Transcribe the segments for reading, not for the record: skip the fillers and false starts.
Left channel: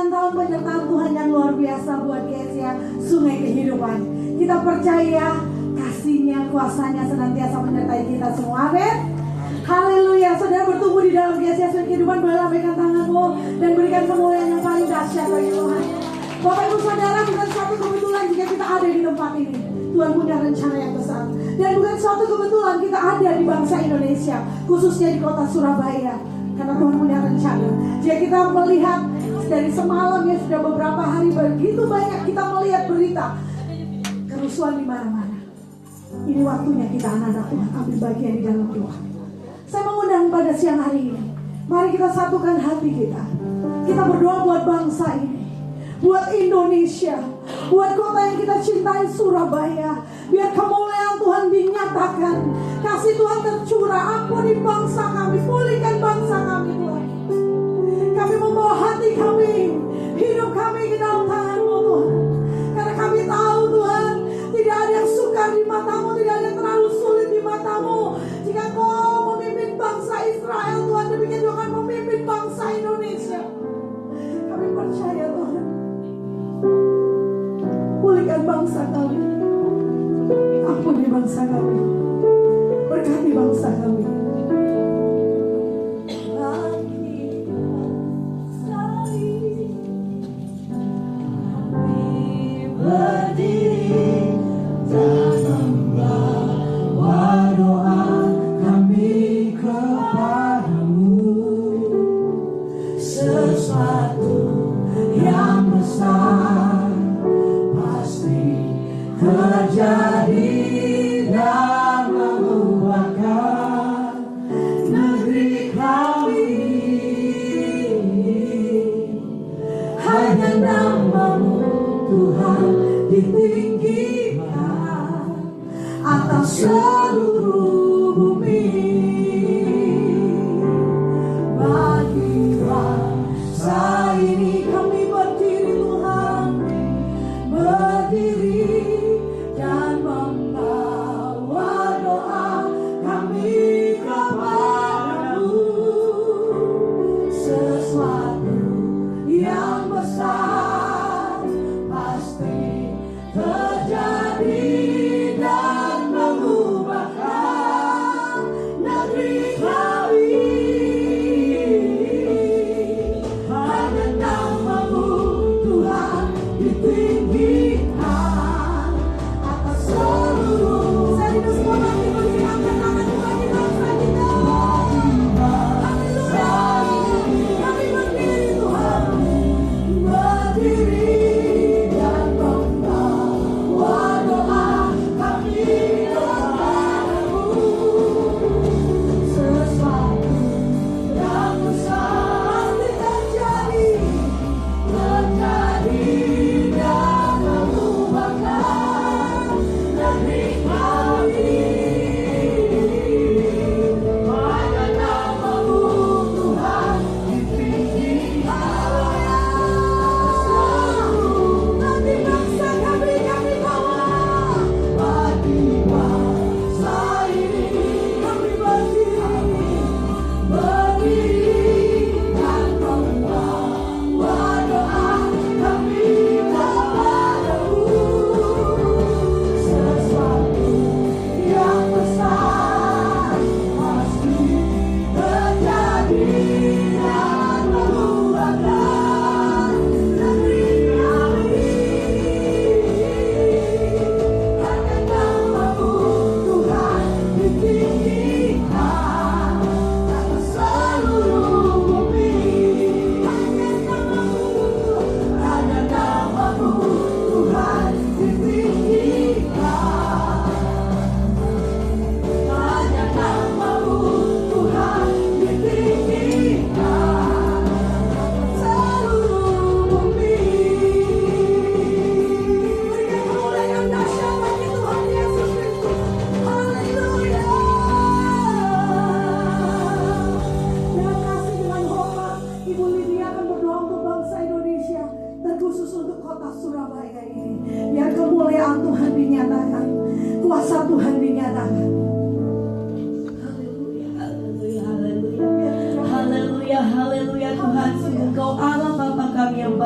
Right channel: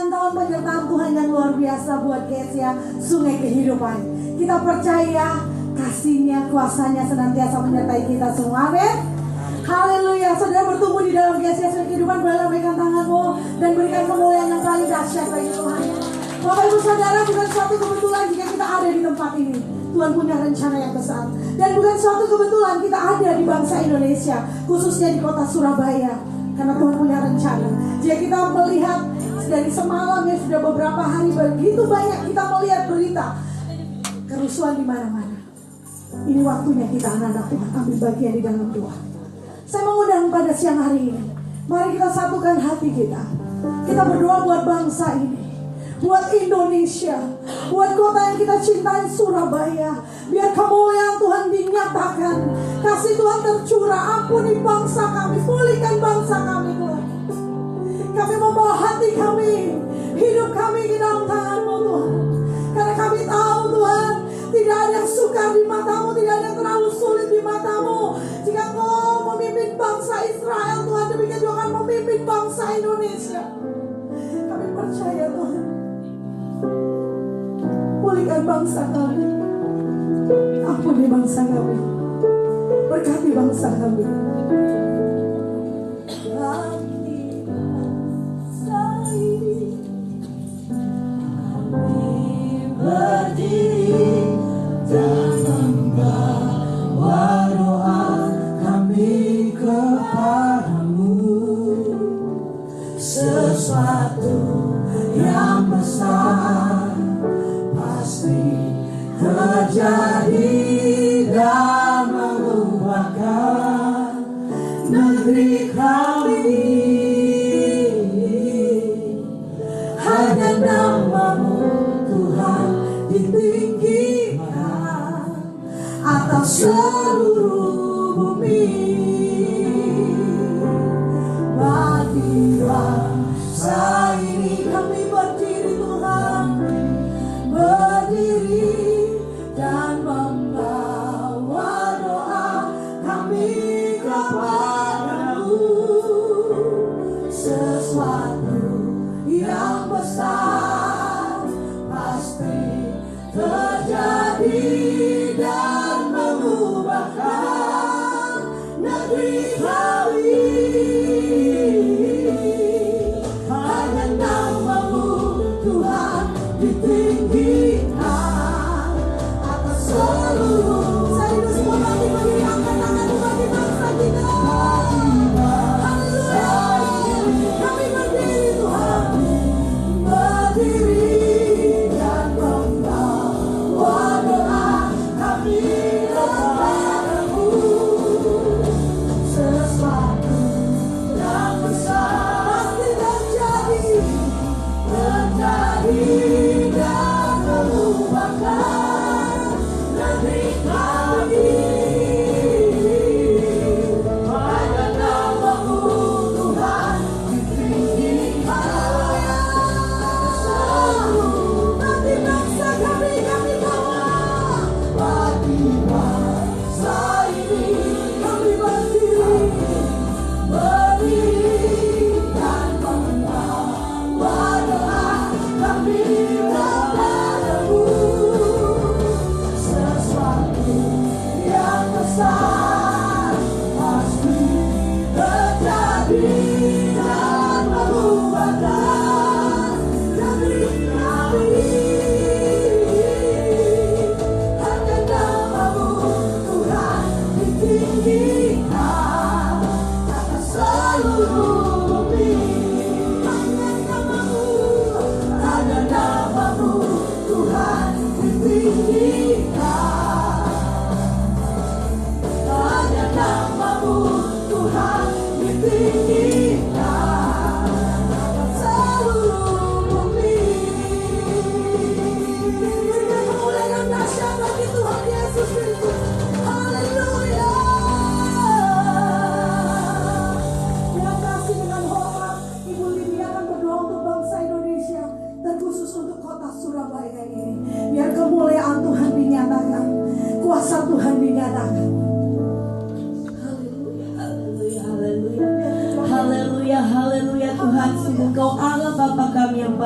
perjalanan tahun penyertaan Tuhan yang luar biasa buat Gereja Sungai Kehidupan. Kita percaya kasih-Nya, kuasa-Nya senantiasa menyertai kita semua. Amin. Haleluya. Saudara bertumbuh di dalam Gereja Sungai Kehidupan, boleh lambaikan tanganmu dan berikan kemuliaan yang paling dahsyat bagi Tuhan. Bapak Ibu Saudara, bukan suatu kebetulan jika kita ada di tempat ini. Tuhan punya rencana yang besar. Dan bukan suatu kebetulan kita ada di bangsa Indonesia, khususnya di kota Surabaya. Karena Tuhan punya rencana. Jika kita melihat dari semalam ya, sudah beberapa hari begitu banyak kita melihat berita kerusuhan di mana-mana. Ini waktunya kita anak-anak Tuhan ambil bagian di dalam doa. Saya mengundang pada siang hari ini, mari kita satukan hati kita. Kita berdoa buat bangsa ini, buat Indonesia, buat kota yang kita cintai Surabaya. Biar kemuliaan Tuhan dinyatakan, kasih Tuhan tercurah. Ampuni bangsa kami, pulihkan bangsa kami Tuhan. Kami membawa hati kami, hidup kami ke dalam tangan-Mu Tuhan. Karena kami tahu Tuhan, tidak ada yang sukar di mata-Mu, tidak ada yang terlalu sulit di mata-Mu. Jika Kau memimpin bangsa Israel Tuhan, demikian juga akan memimpin bangsa Indonesia. Kami percaya Tuhan, pulihkan bangsa kami, ampuni bangsa kami, berkati bangsa kami. Berdiri dan membawa doa kami kepadamu. Sesuatu yang besar pasti terjadi dan mengubahkan negeri kami. Hanya nama-Mu Tuhan ditinggikan atas seluruh bumi. Bagi bangsa ini kami berdiri Tuhan, berdiri dan membawa doa kami kepadamu. Sesuatu yang besar pasti terjadi dan mengubahkan negeri kami. Hanya nama-Mu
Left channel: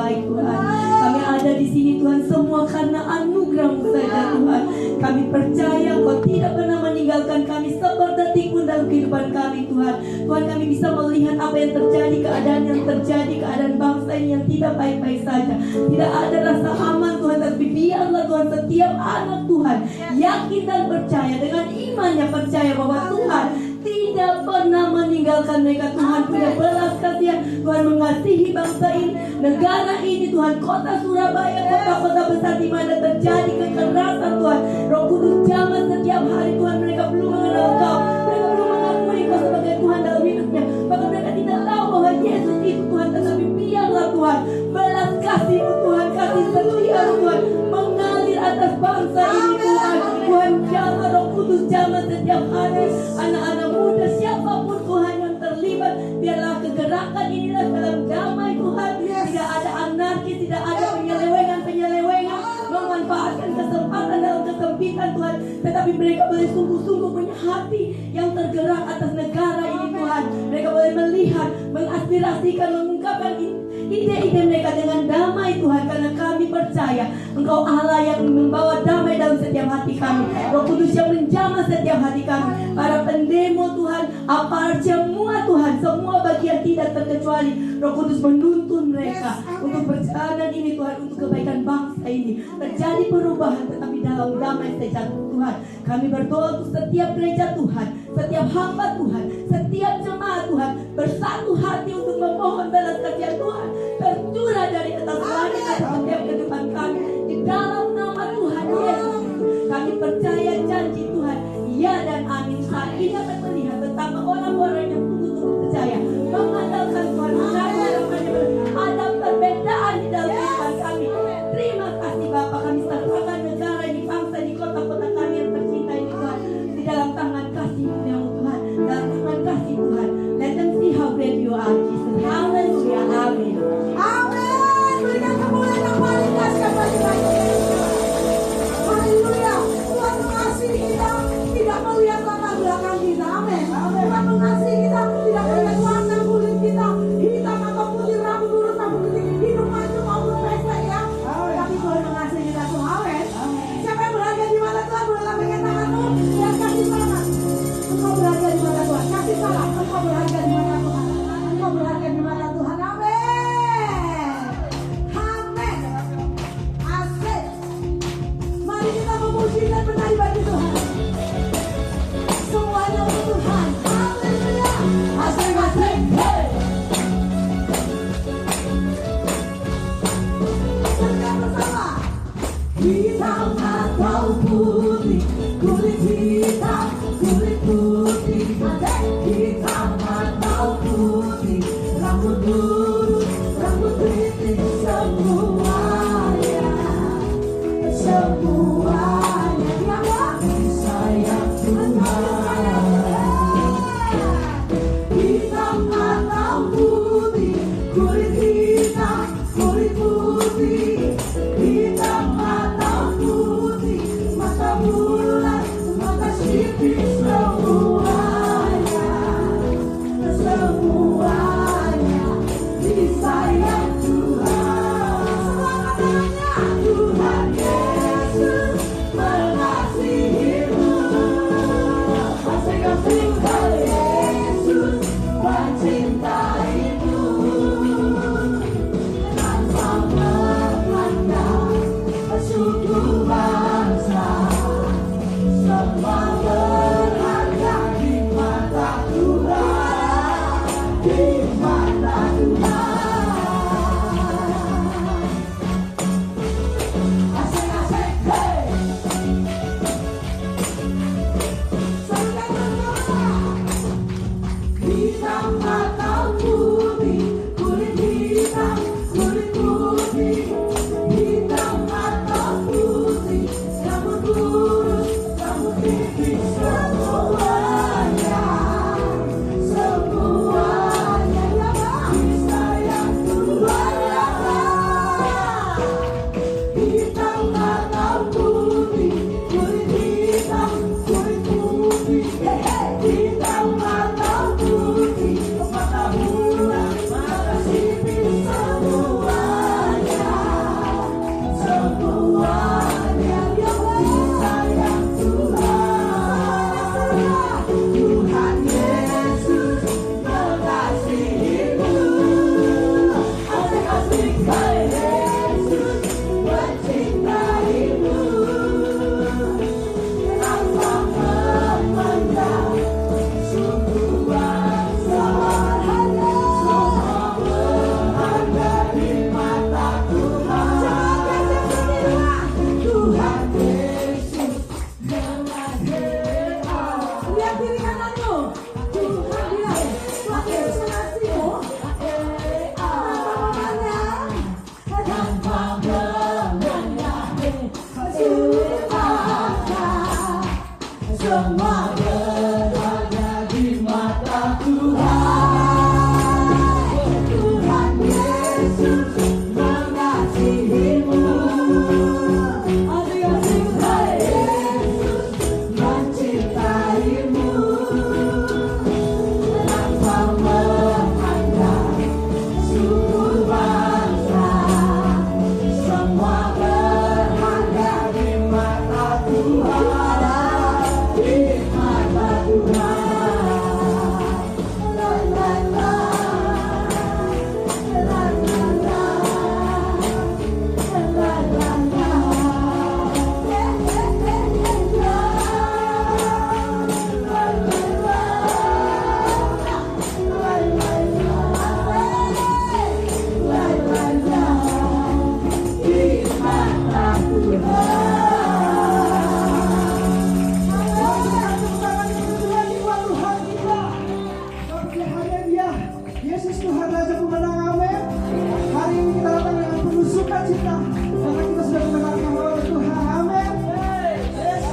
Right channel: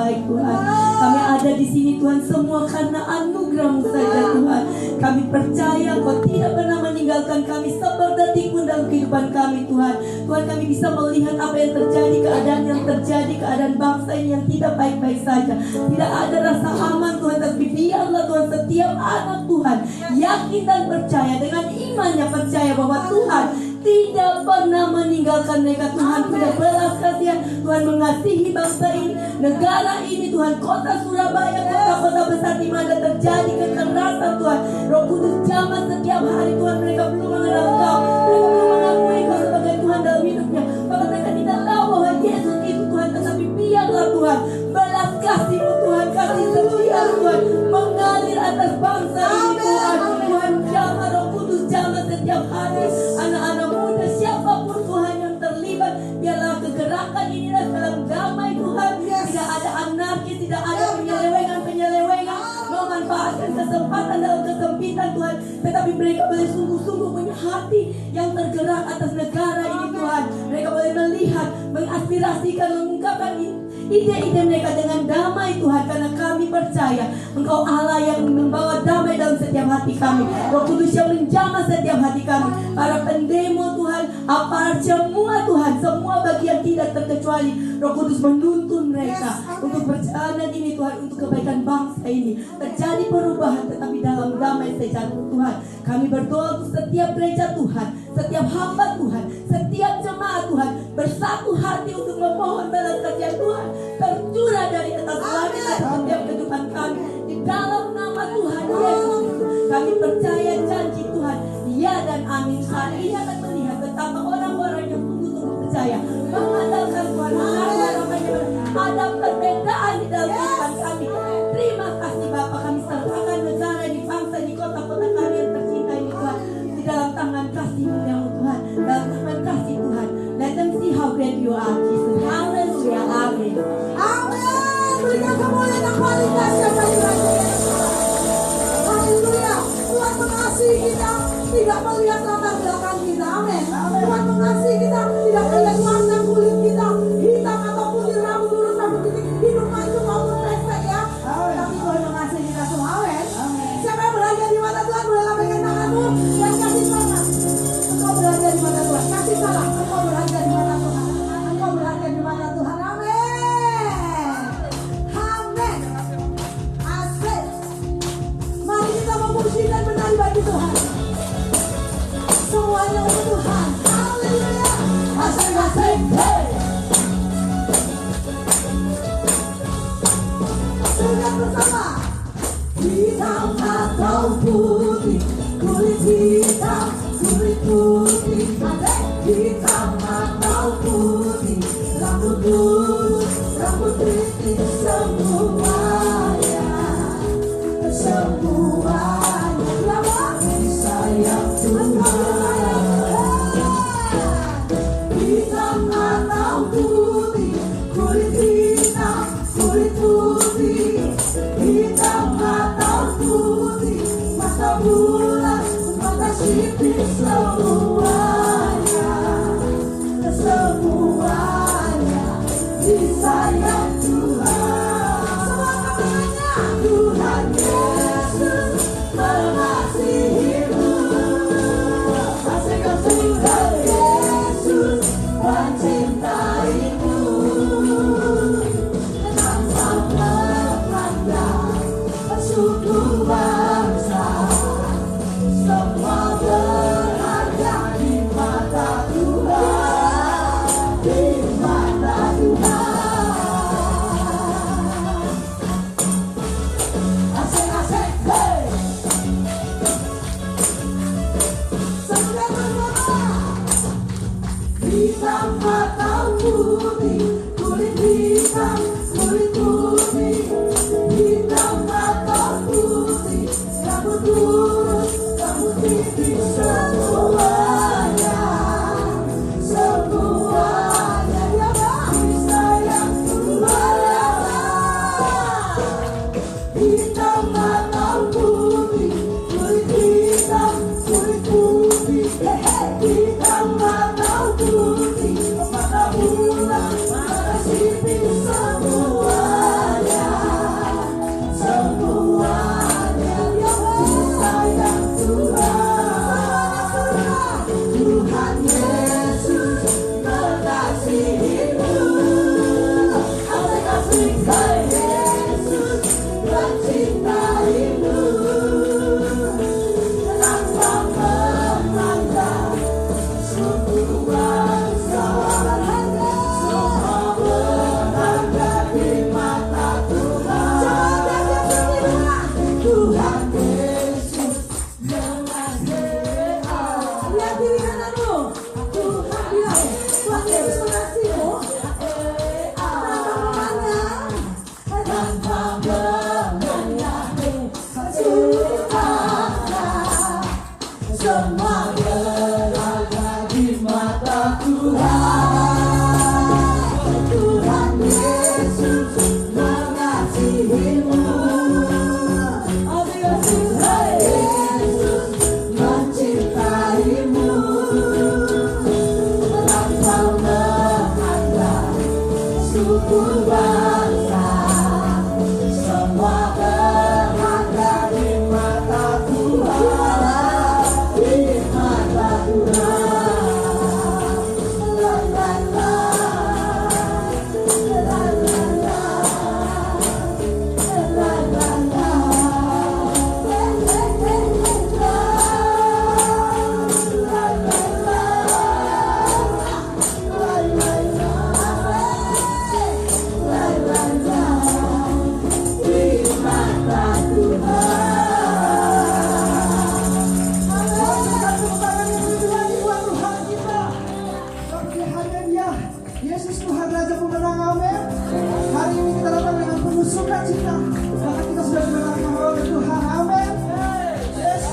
baik Tuhan. Kami ada di sini Tuhan semua karena anugerah-Mu saja Tuhan. Kami percaya Kau tidak pernah meninggalkan kami seperdetik pun dalam kehidupan kami Tuhan. Tuhan, kami bisa melihat apa yang terjadi, keadaan yang terjadi, keadaan bangsa ini yang tidak baik-baik saja. Tidak ada rasa aman Tuhan, tapi biarlah Tuhan setiap anak Tuhan yakin dan percaya, dengan imannya percaya bahwa Tuhan tidak pernah meninggalkan mereka. Tuhan punya belas kasihan, Tuhan mengasihi bangsa ini, negara ini Tuhan, kota Surabaya, kota-kota besar di mana terjadi kekerasan Tuhan. Roh Kudus jamah setiap hari Tuhan, mereka belum mengenal Kau, mereka belum mengakui Kau sebagai Tuhan dalam hidupnya, bahkan mereka tidak tahu bahwa Yesus itu Tuhan. Tetapi biarlah Tuhan belas kasih-Mu Tuhan, kasih setia Tuhan mengalir atas bangsa ini Tuhan. Tuhan jamah, Roh Kudus jamah setiap hari anak-anak muda, siapapun Tuhan yang terlibat, biarlah kegerakan inilah dalam damai Tuhan. Tidak ada anarkis, tidak ada penyelewengan memanfaatkan kesempatan dalam kesempitan Tuhan, tetapi mereka boleh sungguh-sungguh punya hati yang tergerak atas negara ini Tuhan. Mereka boleh melihat, mengaspirasikan, mengungkapkan ide-ide mereka dengan damai Tuhan, karena kami percaya Engkau Allah yang membawa damai dalam setiap hati kami. Roh Kudus yang menjamah setiap hati kami, para pendemo Tuhan, aparat semua Tuhan, semua bagian tidak terkecuali. Roh Kudus menuntun mereka untuk perjalanan ini Tuhan, untuk kebaikan bangsa ini. Terjadi perubahan tetapi dalam damai saja Tuhan. Kami berdoa untuk setiap gereja Tuhan, setiap hamba Tuhan, setiap jemaat Tuhan, bersatu hati untuk memohon belas kasihan Tuhan tercurah dari atas langit atas setiap kehidupan kami di dalam nama Tuhan Yesus. Kami percaya janji Tuhan, ya dan amin. Saat ini akan melihat betapa orang-orang yang sungguh-sungguh percaya, mengandalkan Tuhan, ada perbedaan di dalam kehidupan kami. Terima kasih Bapa, kami serahkan negara ini, bangsa ini, kota-kota kami yang tercinta ini Tuhan, di dalam tangan kasih-Mu yang Tuhan, dalam tangan kasih Tuhan. Let them see how great You are, Jesus. Hallelujah, amin. Amin. Berikan kemuliaan yang paling dahsyat bagi Raja. Haleluya. Tuhan mengasihi kita, tidak melihat latar belakang kita. Amin. Tuhan mengasihi kita, tidak melihat warna kulit kita, hitam atau putih, rambut lurus, rambut putih, hidung mancung maupun pesek ya. Tapi Tuhan mengasihi kita semua. Amin. Siapa yang berada di mata Tuhan, boleh lambaikan tanganmu dan kasih selamat. Engkau berada di mata Tuhan, kasih salam. Engkau berada di mata Tuhan. Engkau berada di mata Tuhan. Amin. Amin. Asik. Mari kita memuji dan menari bagi Tuhan. Semuanya untuk Tuhan. Haleluya. Asik, asik, hey. Serkan bersama. Hitam atau putih, kulit hitam, kulit putih. Hitam atau putih, rambut lurus, rambut keriting, semuanya, semuanya disayang Tuhan. Hitam atau putih, kulit hitam, kulit putih. Hitam atau putih, mata bulat, mata sipit, semuanya, semuanya disayang Tuhan. Tuhan Yesus mengasihimu. Asik-asik, Tuhan Yesus mencintaimu. Tanpa memandang suku bangsa, semua berharga di mata Tuhan, di mata Tuhan. Asik-asik, hey. Serkan bersama. Hitam atau putih, kulit hitam, kulit putih. Hitam atau putih, rambut lurus, rambut keriting, semuanya, semuanya disayang Tuhan. Hitam atau putih, kulit hitam, kulit putih. Hitam atau putih, Ya, Yesus Tuhan Raja Pemenang, amin. Hari ini kita datang dengan penuh sukacita karena kita sudah mendengarkan oleh Tuhan, amin. Yes,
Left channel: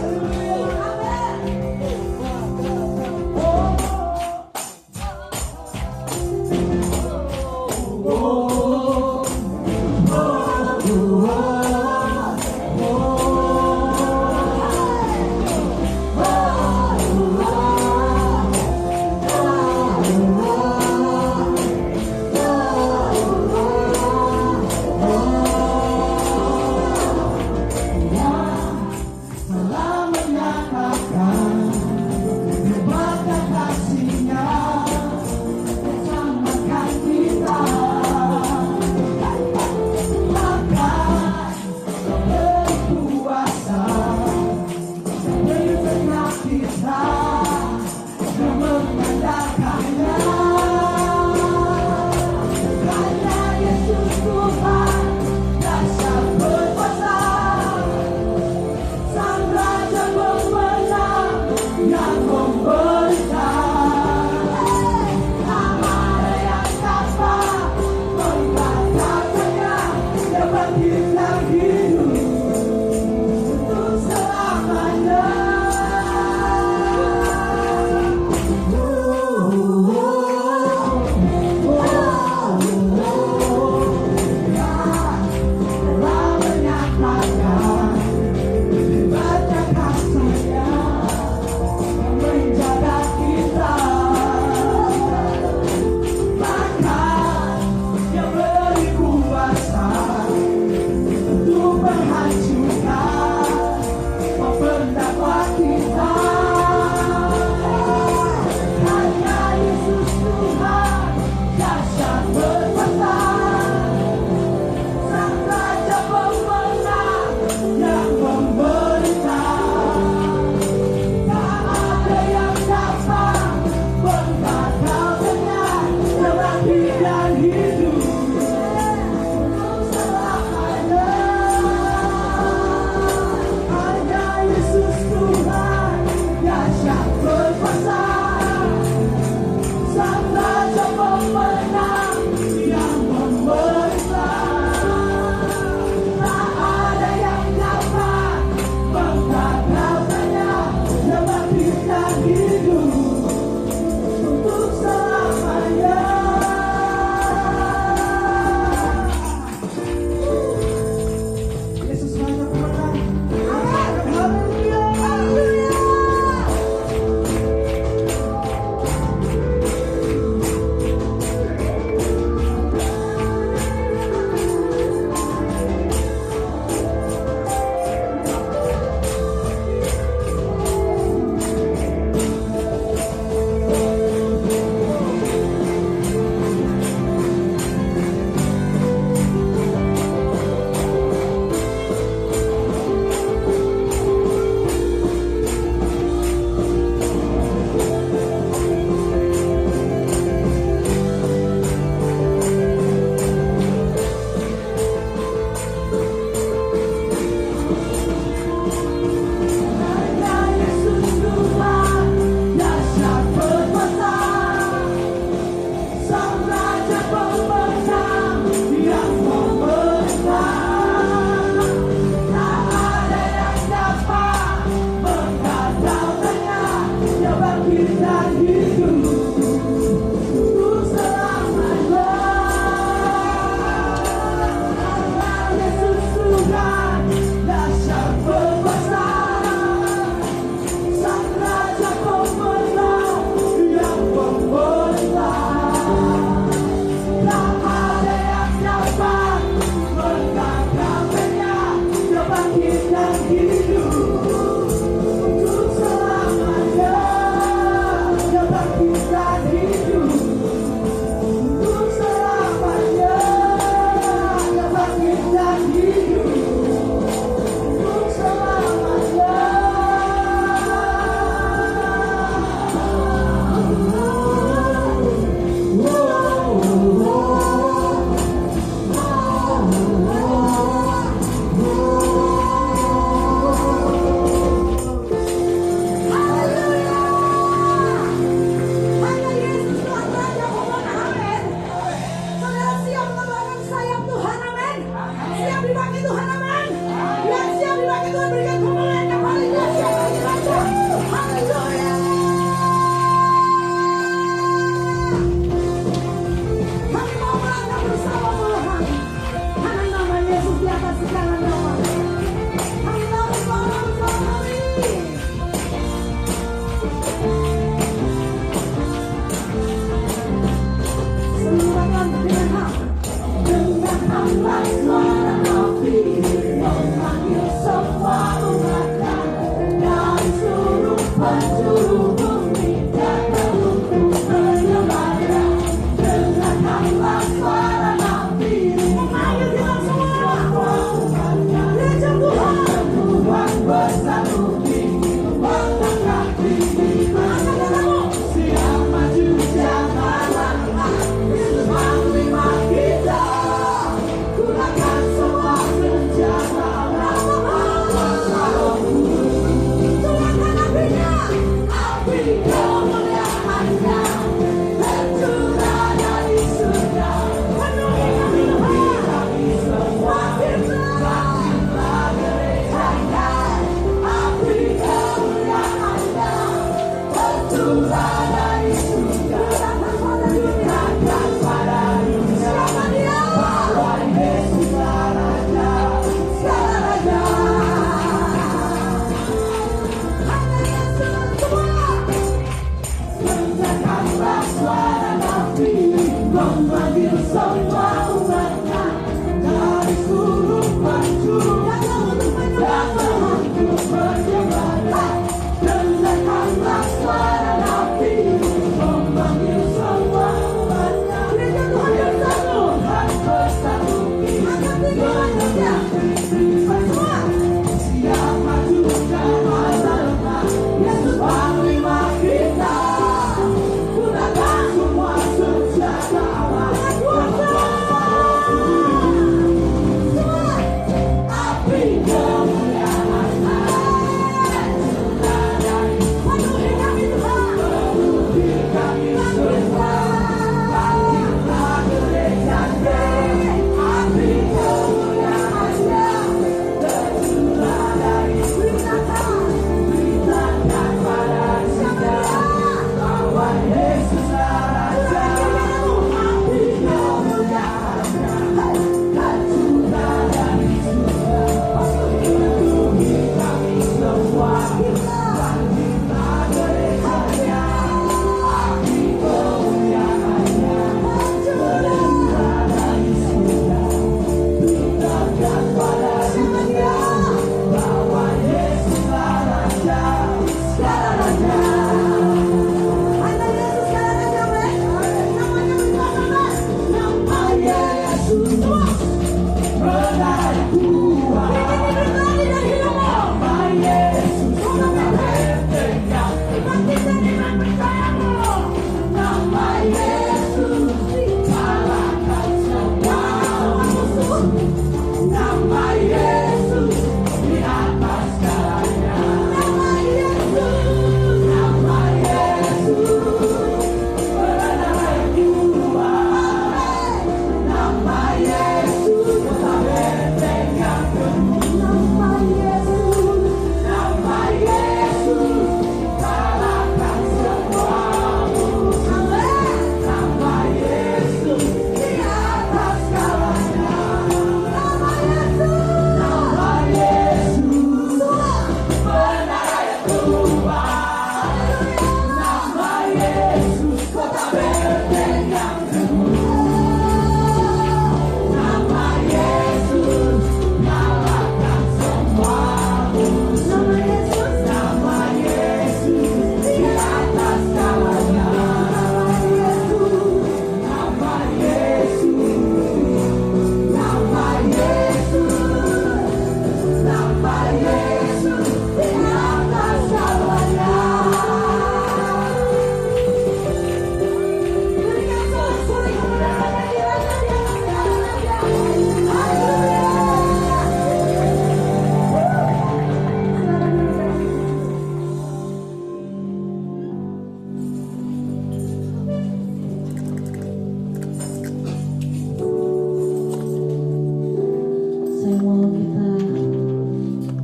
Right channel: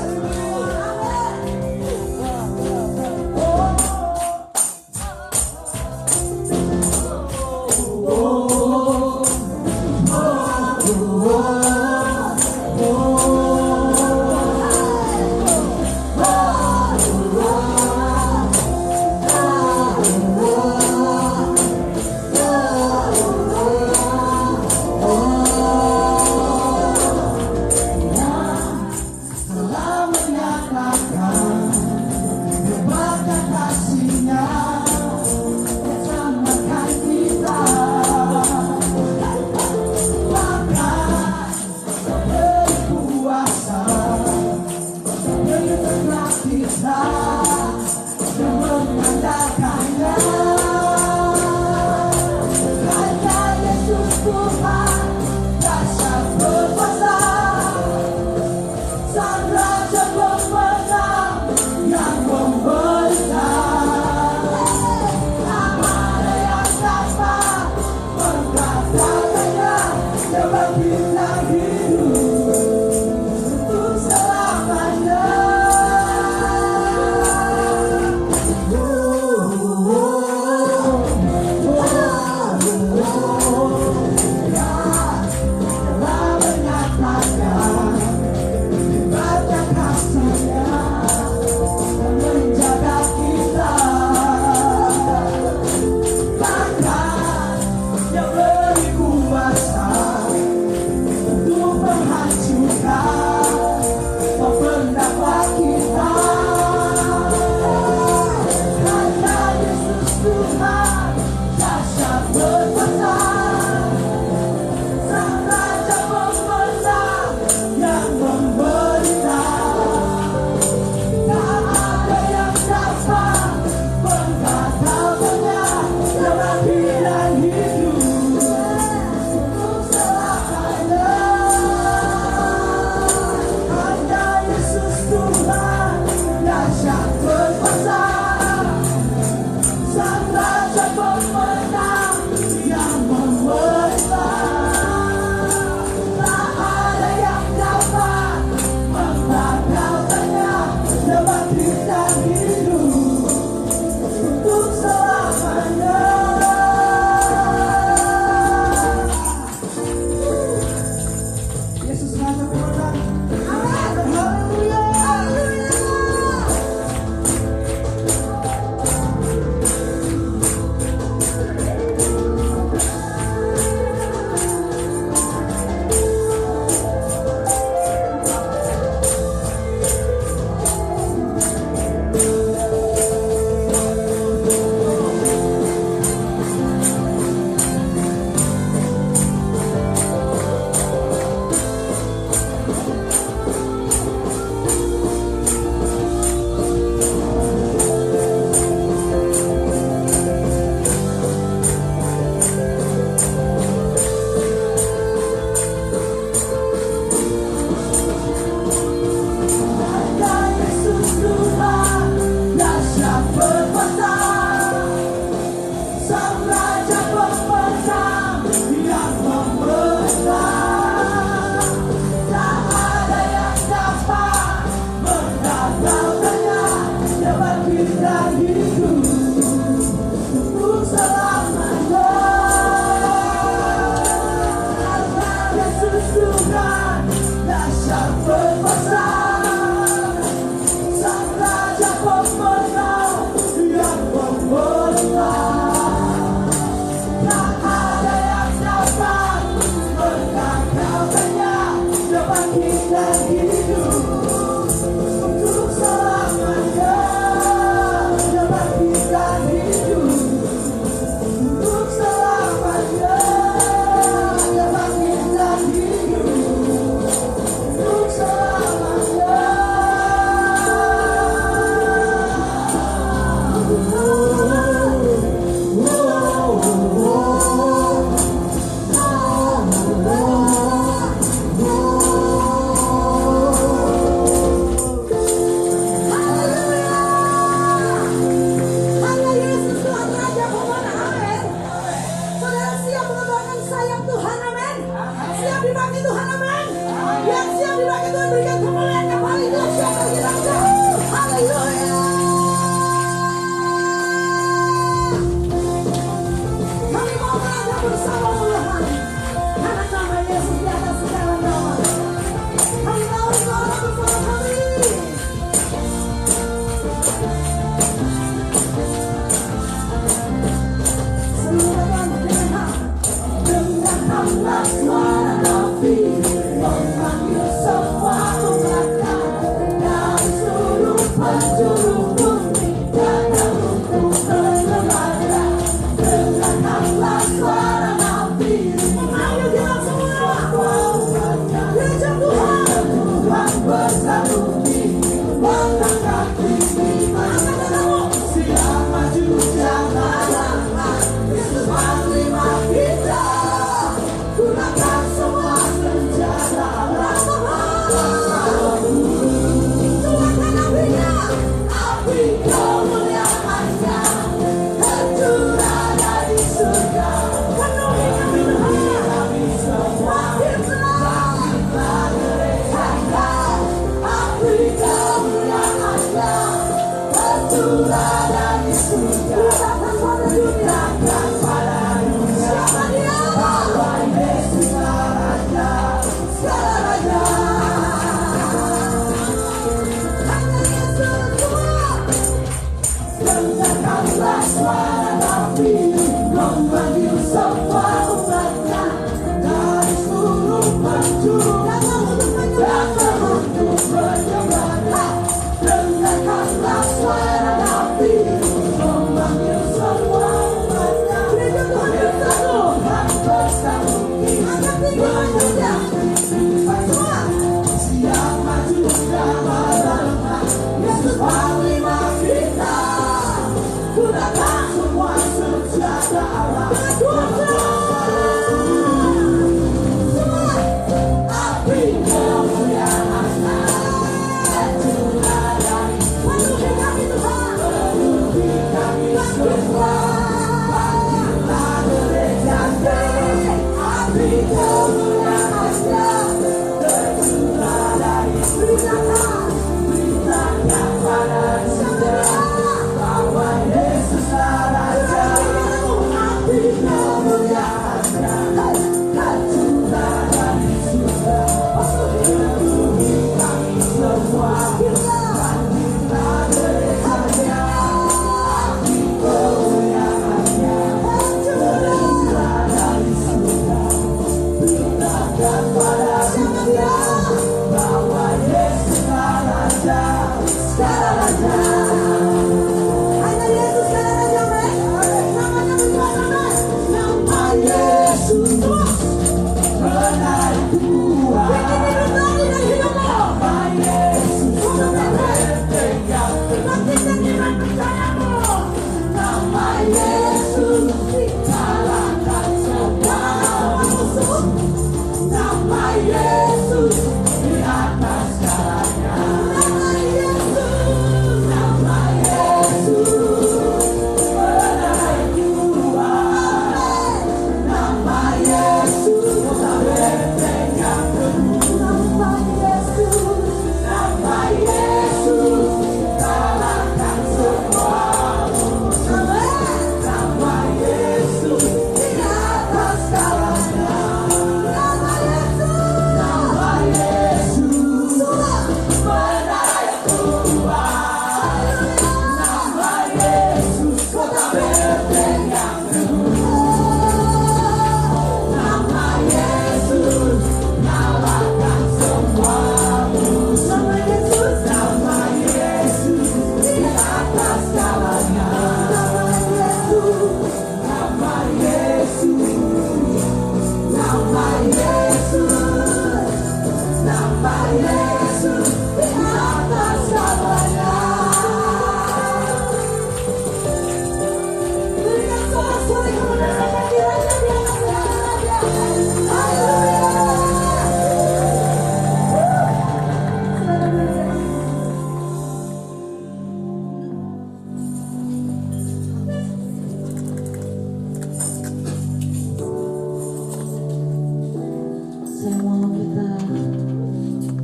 Saya mau kita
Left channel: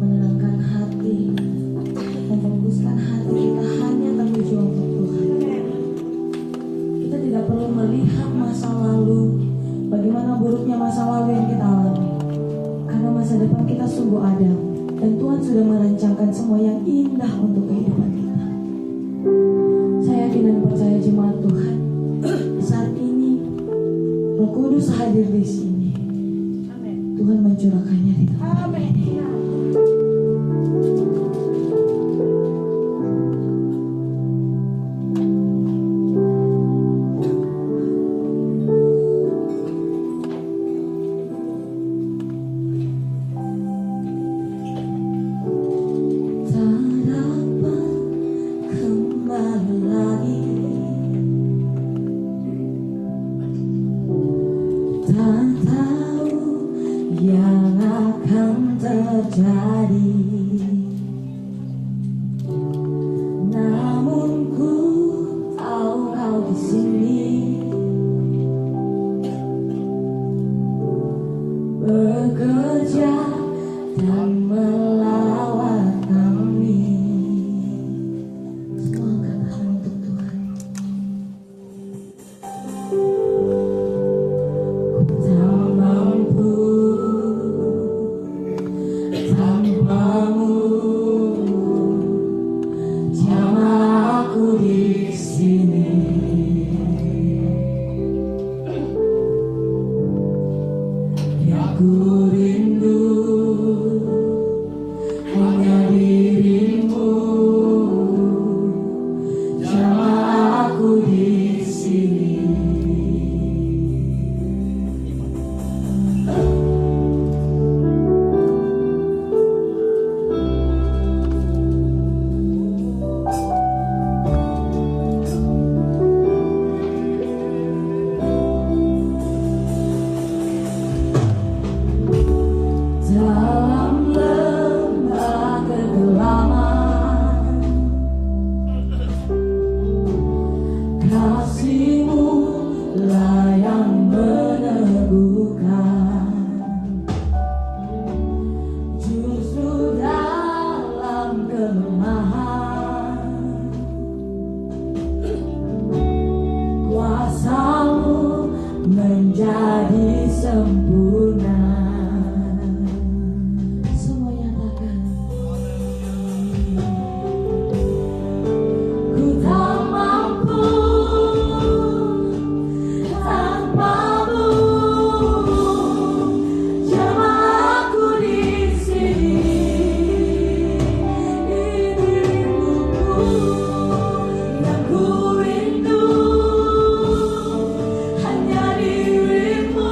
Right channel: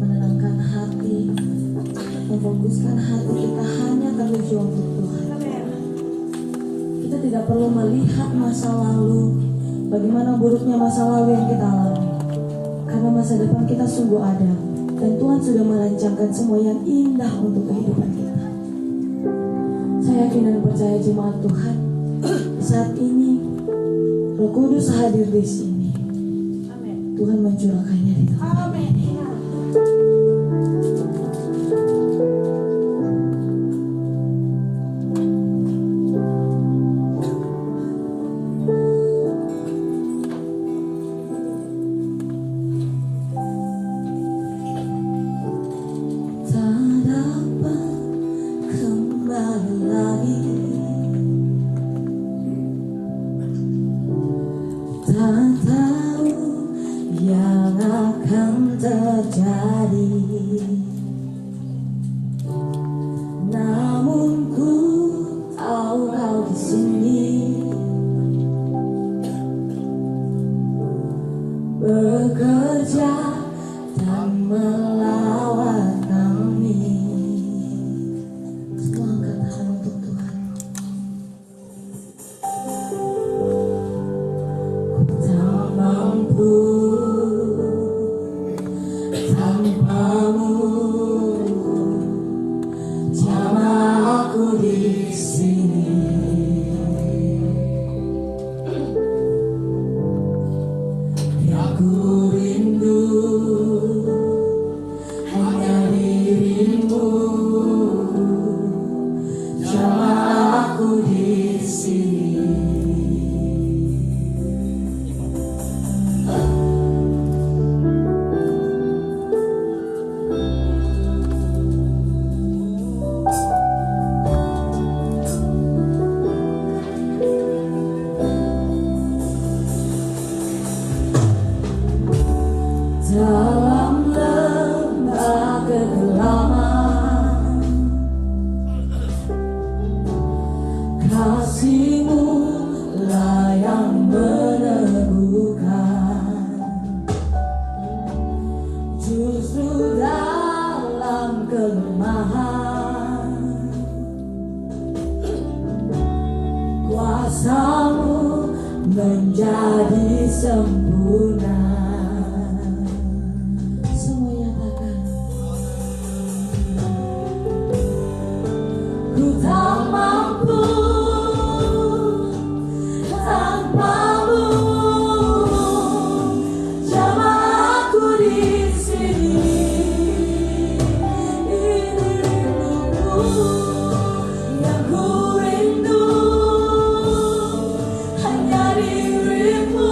menenangkan hati, memfokuskan hati kita hanya tertuju untuk Tuhan. Kita tidak perlu melihat masa lalu, bagaimana buruknya masa lalu yang kita alami, karena masa depan kita sungguh ada, dan Tuhan sudah merancangkan semua yang indah untuk kehidupan kita. Saya yakin dan percaya jemaat Tuhan, saat ini Roh Kudus hadir di sini. Tuhan mencurahkannya di tempat ini. Tak dapat kembali lagi, tak tahu yang akan terjadi, namun ku tahu kau di sini bekerja dan melawat kami. Semua angkat tangan untuk Tuhan. Ku tak mampu tanpamu, jamah aku di sini. Yang ku rindu hanya dirimu, jamah aku di sini. Dalam lembah kegelapan, kasih-Mu lah yang meneguhkan. Justru dalam kelemahan, kuasa-Mu menjadi sempurna. Semua nyatakan, ku tak mampu tanpamu, jamah aku di sini. Dirimu yang ku rindu, hanya dirimu,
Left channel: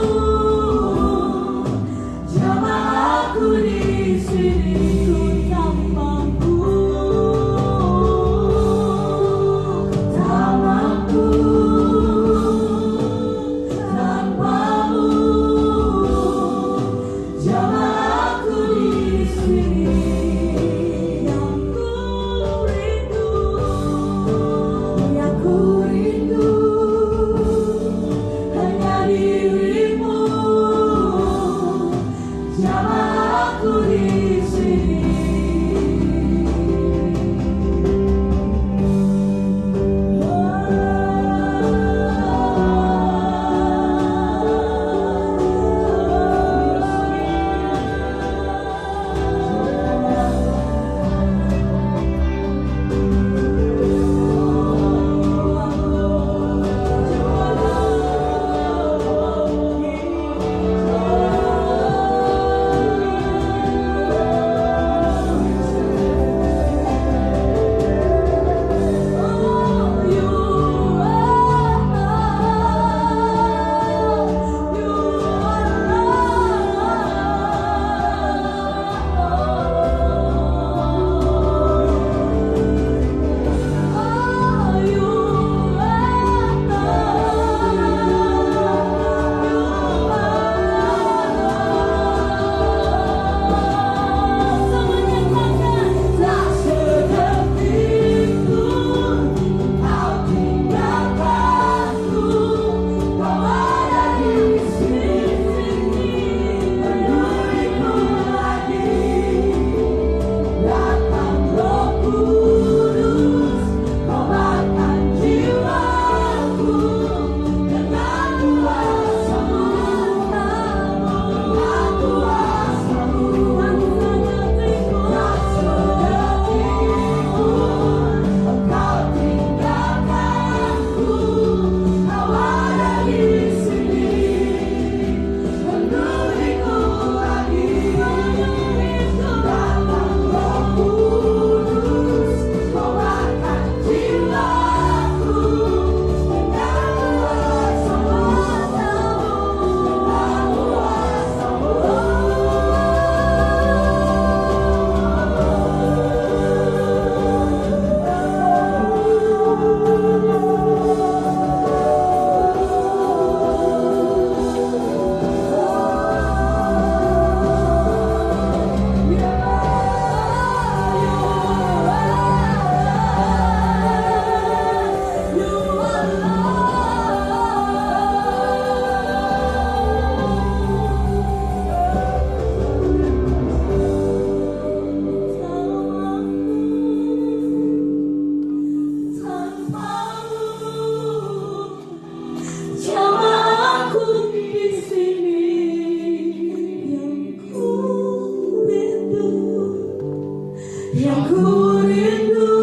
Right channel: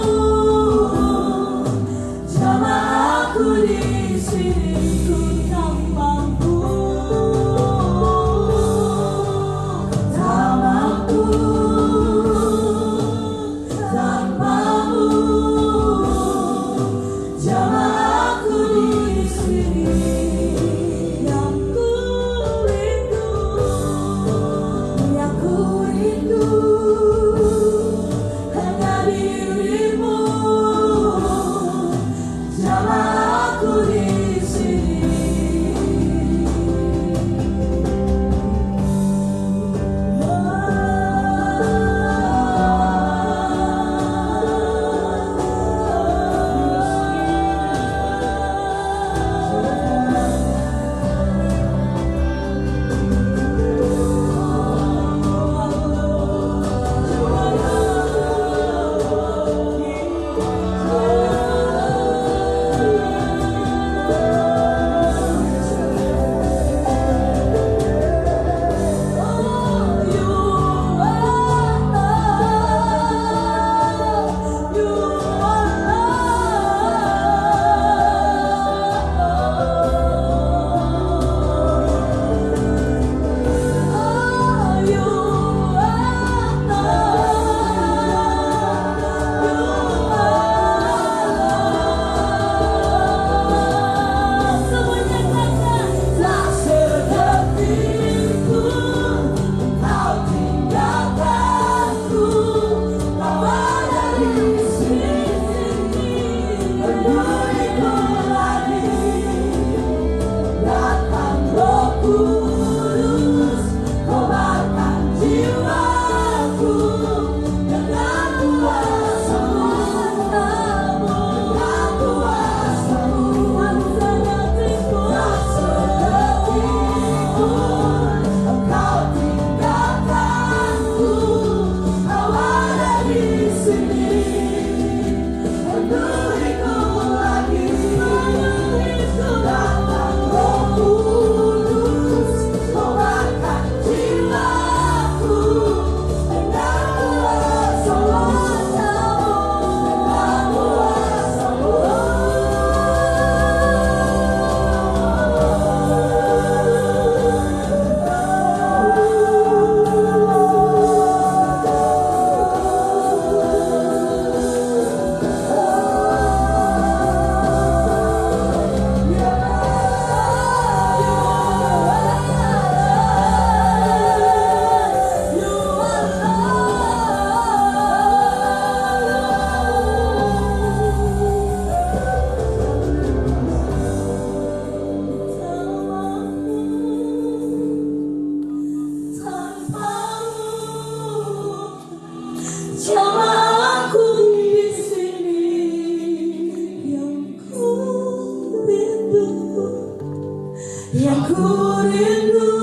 Aku rindu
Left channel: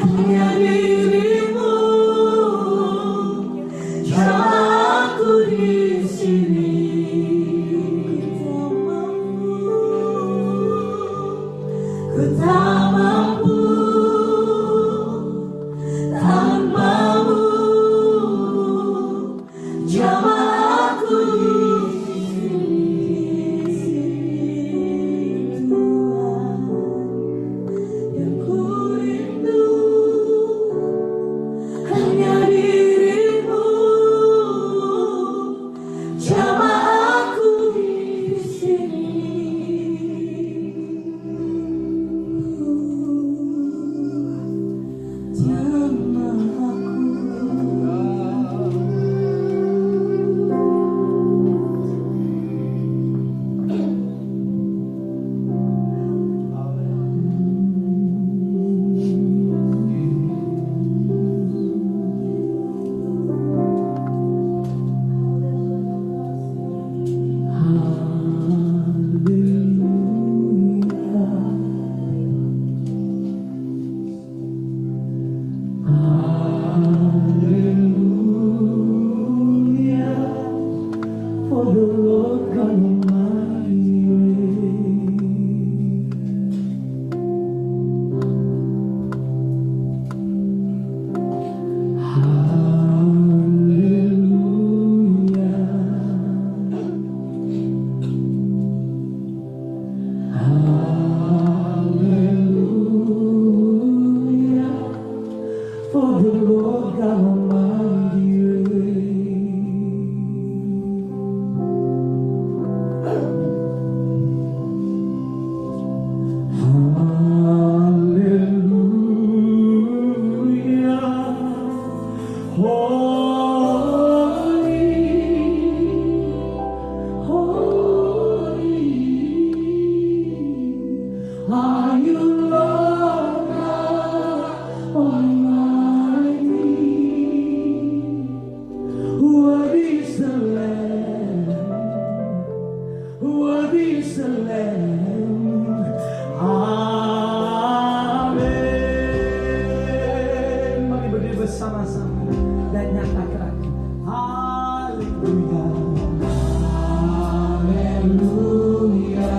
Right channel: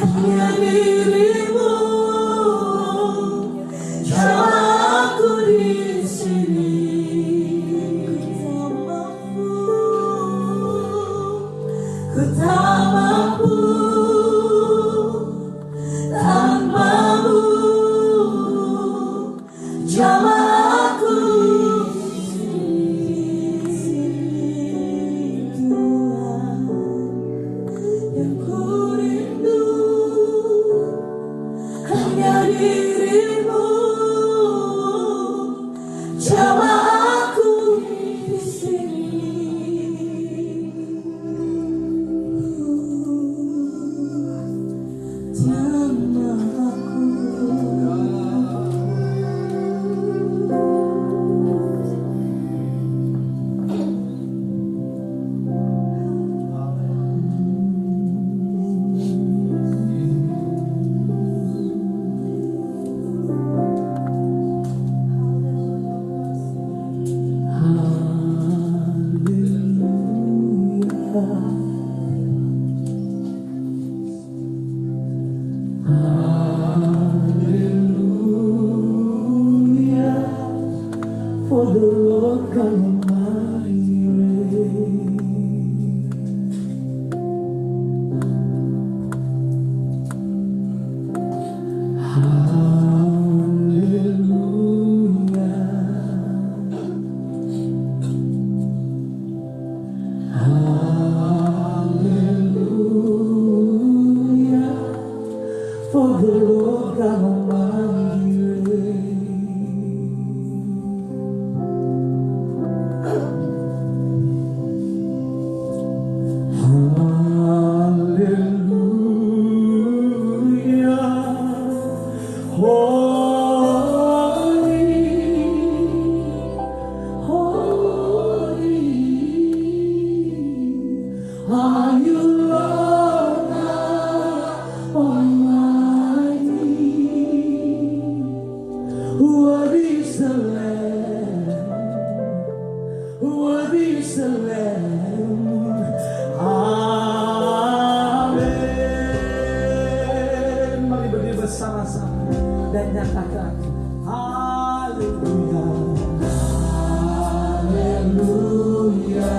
hanya dirimu. Jamah aku di sini. Ku tak mampu tanpamu. Jamah aku di sini, Tuhan. Yang ku rindu hanya dirimu. Jamah aku di sini. For the Lord God Almighty reigns. Hallelujah. For the Lord God Almighty are you, Lord God Almighty? Worthy is the Lamb, worthy is the Lamb. Amin. Mari berdiri bersama-sama dan nyatakan Haleluya, Haleluya.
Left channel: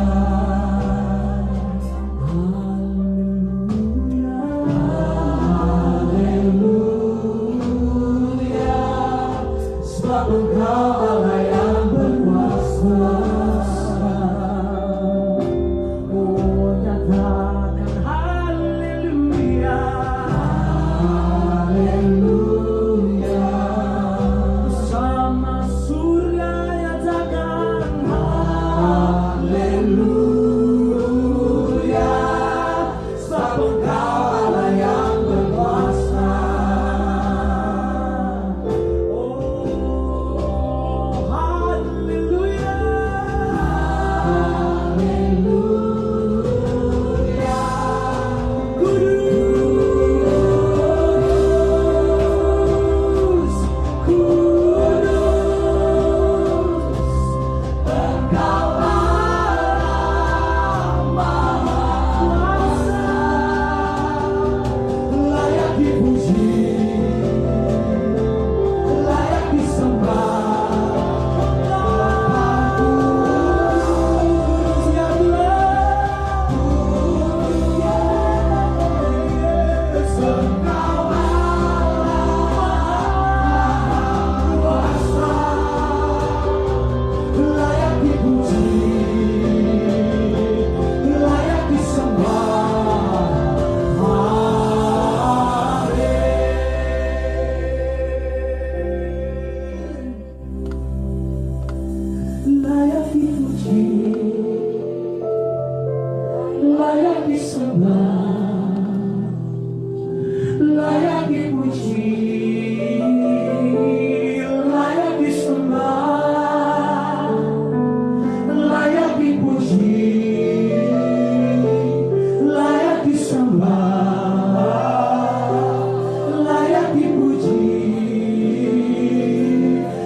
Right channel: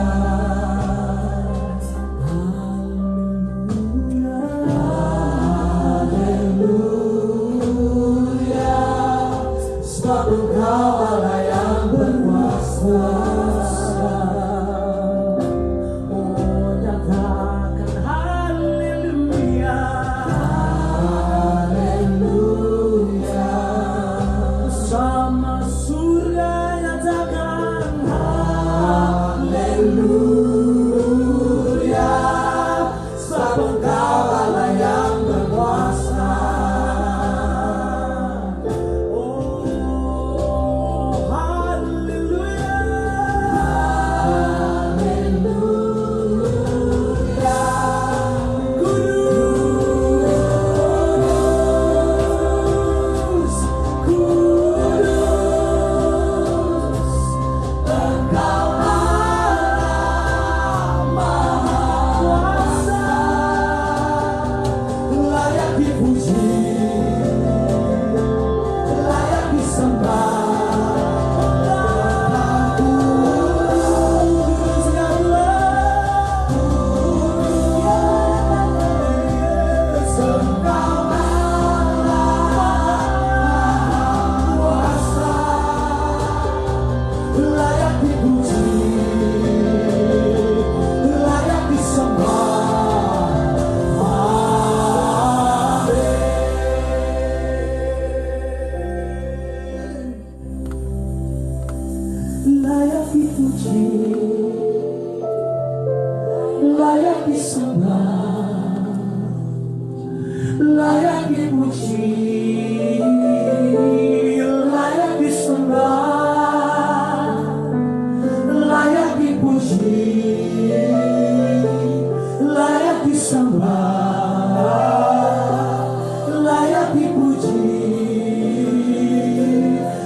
Sebab Engkau Allah yang berkuasa. Oh, nyatakan haleluya, haleluya. Bersama surga nyatakan haleluya. Sebab Engkau Allah yang berkuasa. Layak dipuji, layak disembah, layak dipuji, layak disembah, layak dipuji, layak disembah, layak dipuji,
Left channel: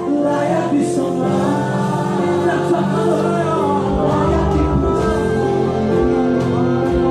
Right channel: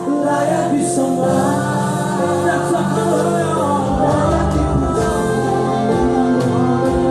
layak disembah. Layak dipuji,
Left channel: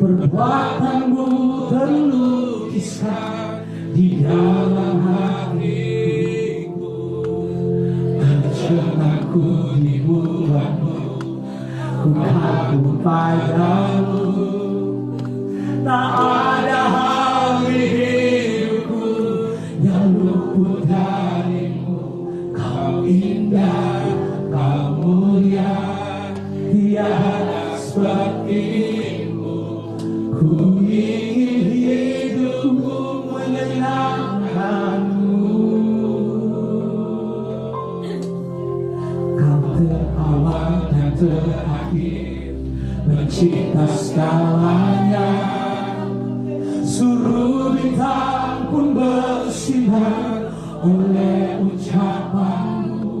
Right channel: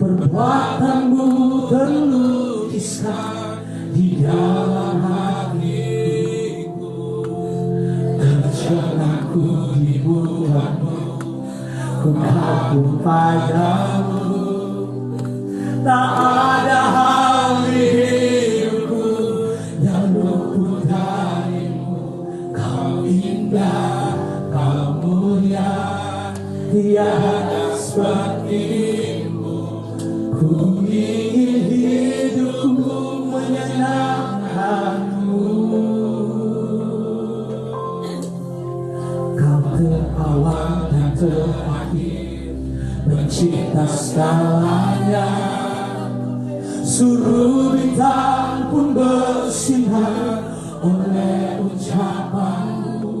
Perbuatanmu terlukiskan di dalam hatiku. Kecenangku di bulanmu, ku kagum padamu. Tak ada hal di hidupku yang luput darimu. Kau indah, kau mulia, tiada sepertimu. Ku ingin hidupku menyenangkanmu. Kau terawal dan terakhir, mencipta segalanya. Suruh bintang pun bersinar oleh ucapanmu.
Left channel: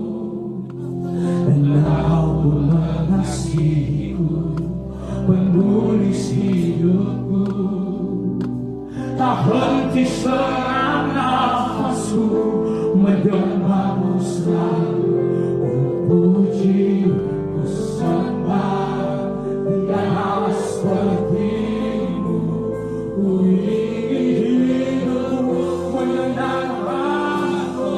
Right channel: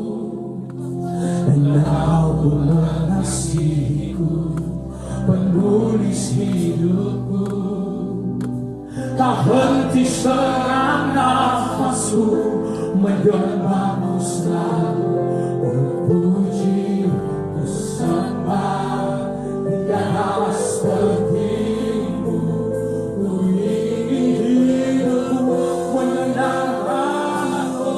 Dan kau pun mengasihiku, penulis hidupku. Tak henti senang nafasku, menyembahmu selalu. Oh puji, ku sembah, tiada sepertimu. Ku ingin hidupku menyenangkanmu.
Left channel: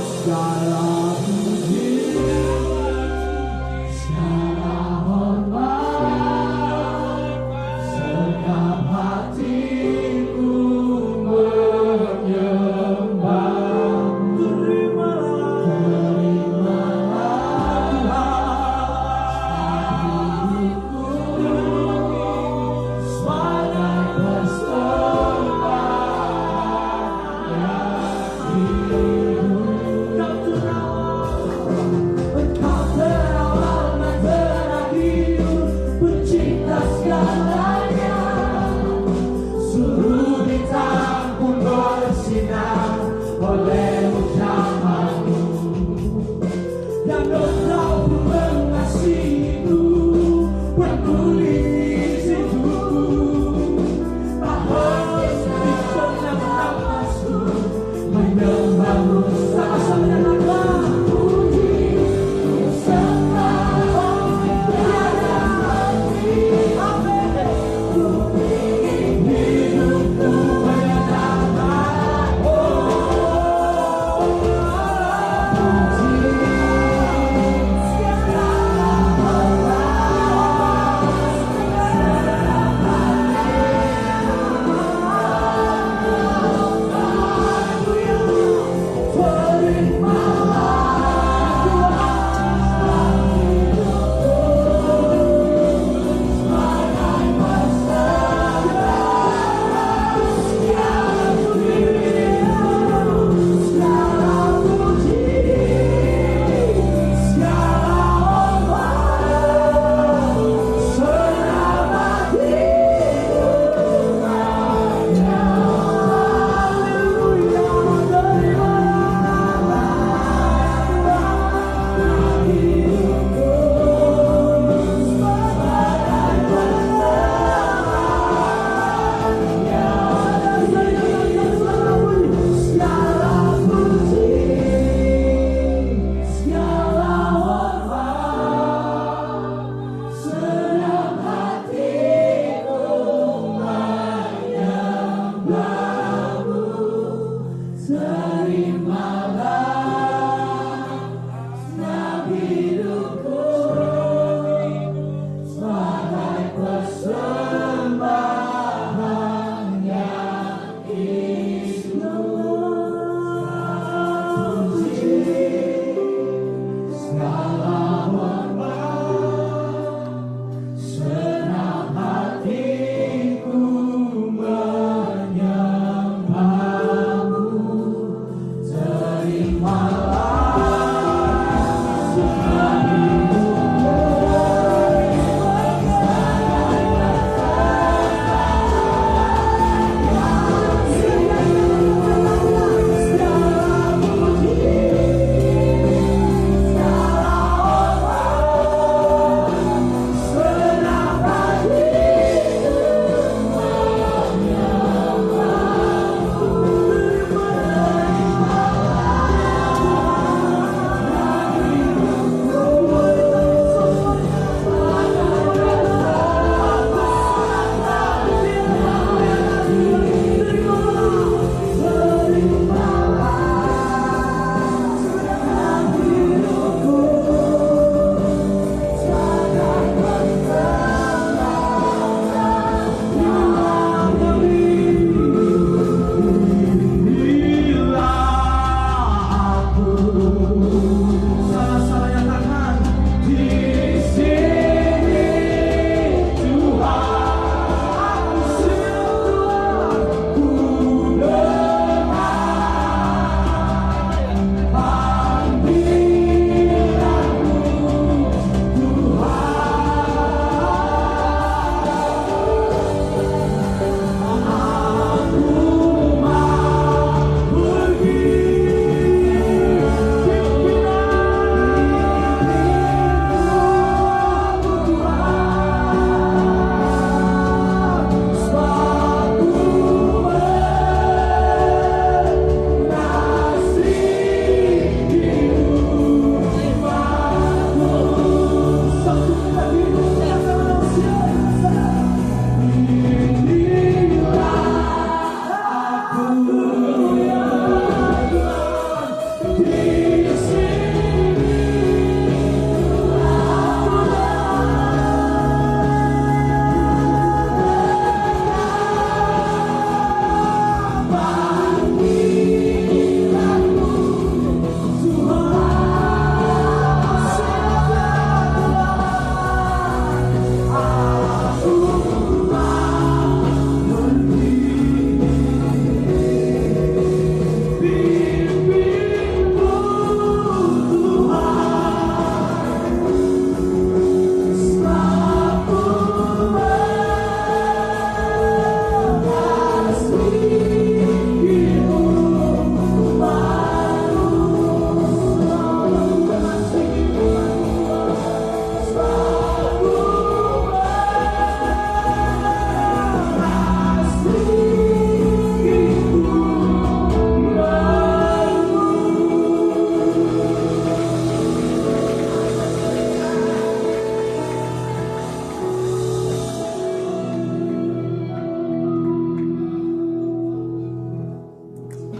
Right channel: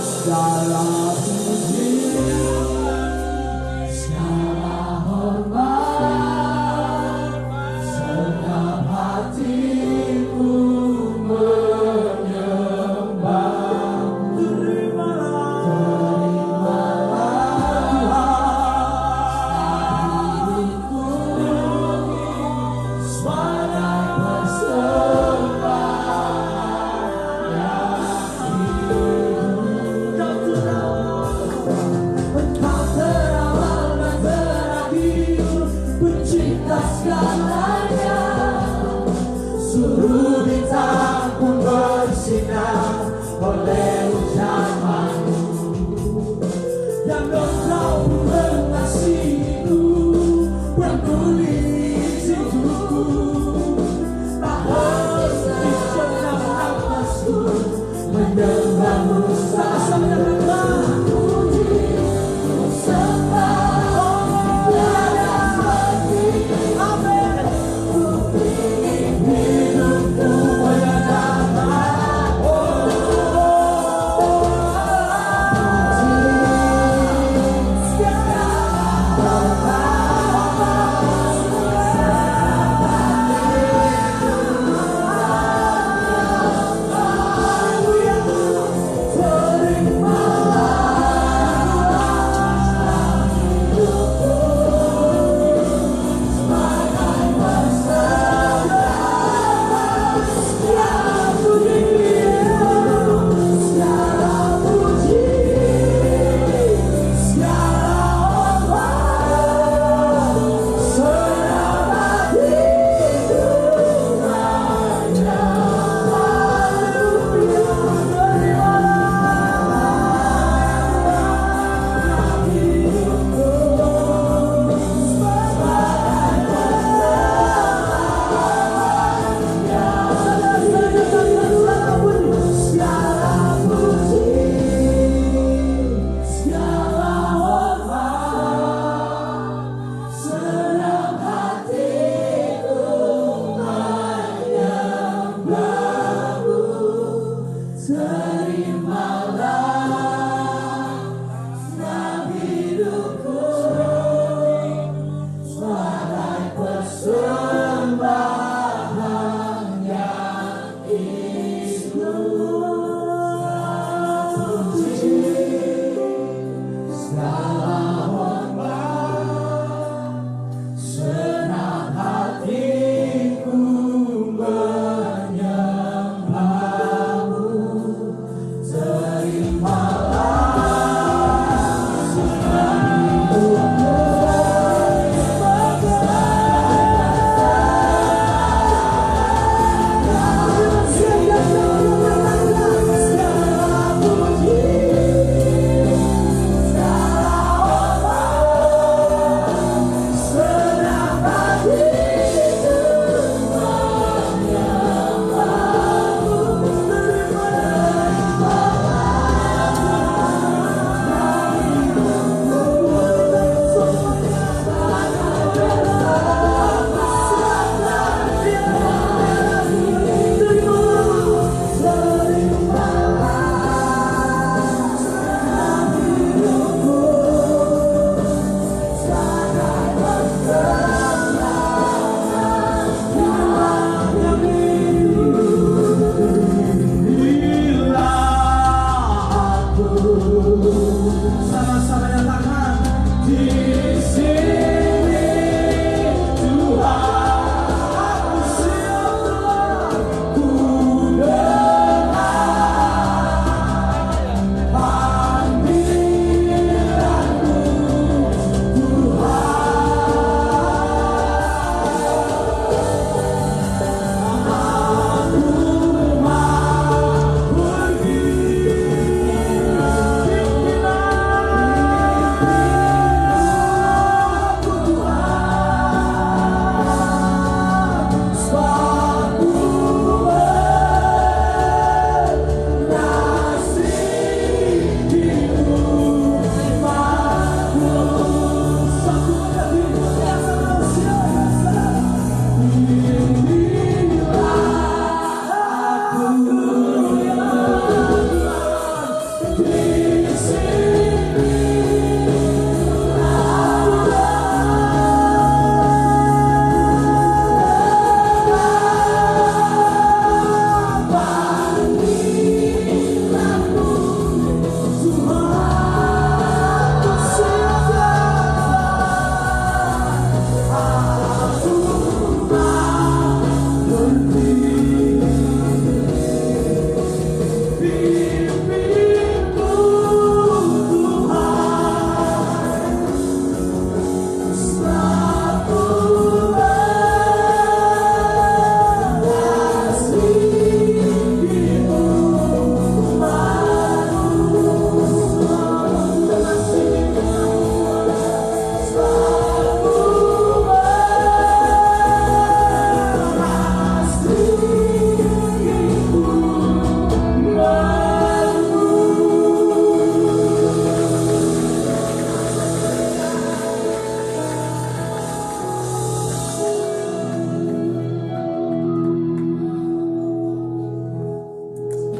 Segala puji, segala hormat, sekap hatiku menyembah. Pencipta segalanya, suruh bintang pun bersinar oleh ucapanmu. Dan engkau pun mengasihiku, penulis hidupku. Tak henti senang nafasku, menyembahmu sama-sama.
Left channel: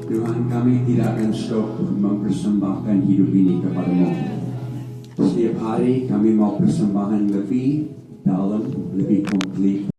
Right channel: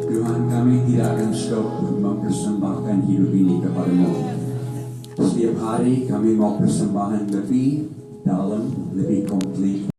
Tuhan, kami tidak akan stop mempersembahkan hidup ini kepada-Mu. Setiap hari kami mau persembahan lebih dalam, lebih komplit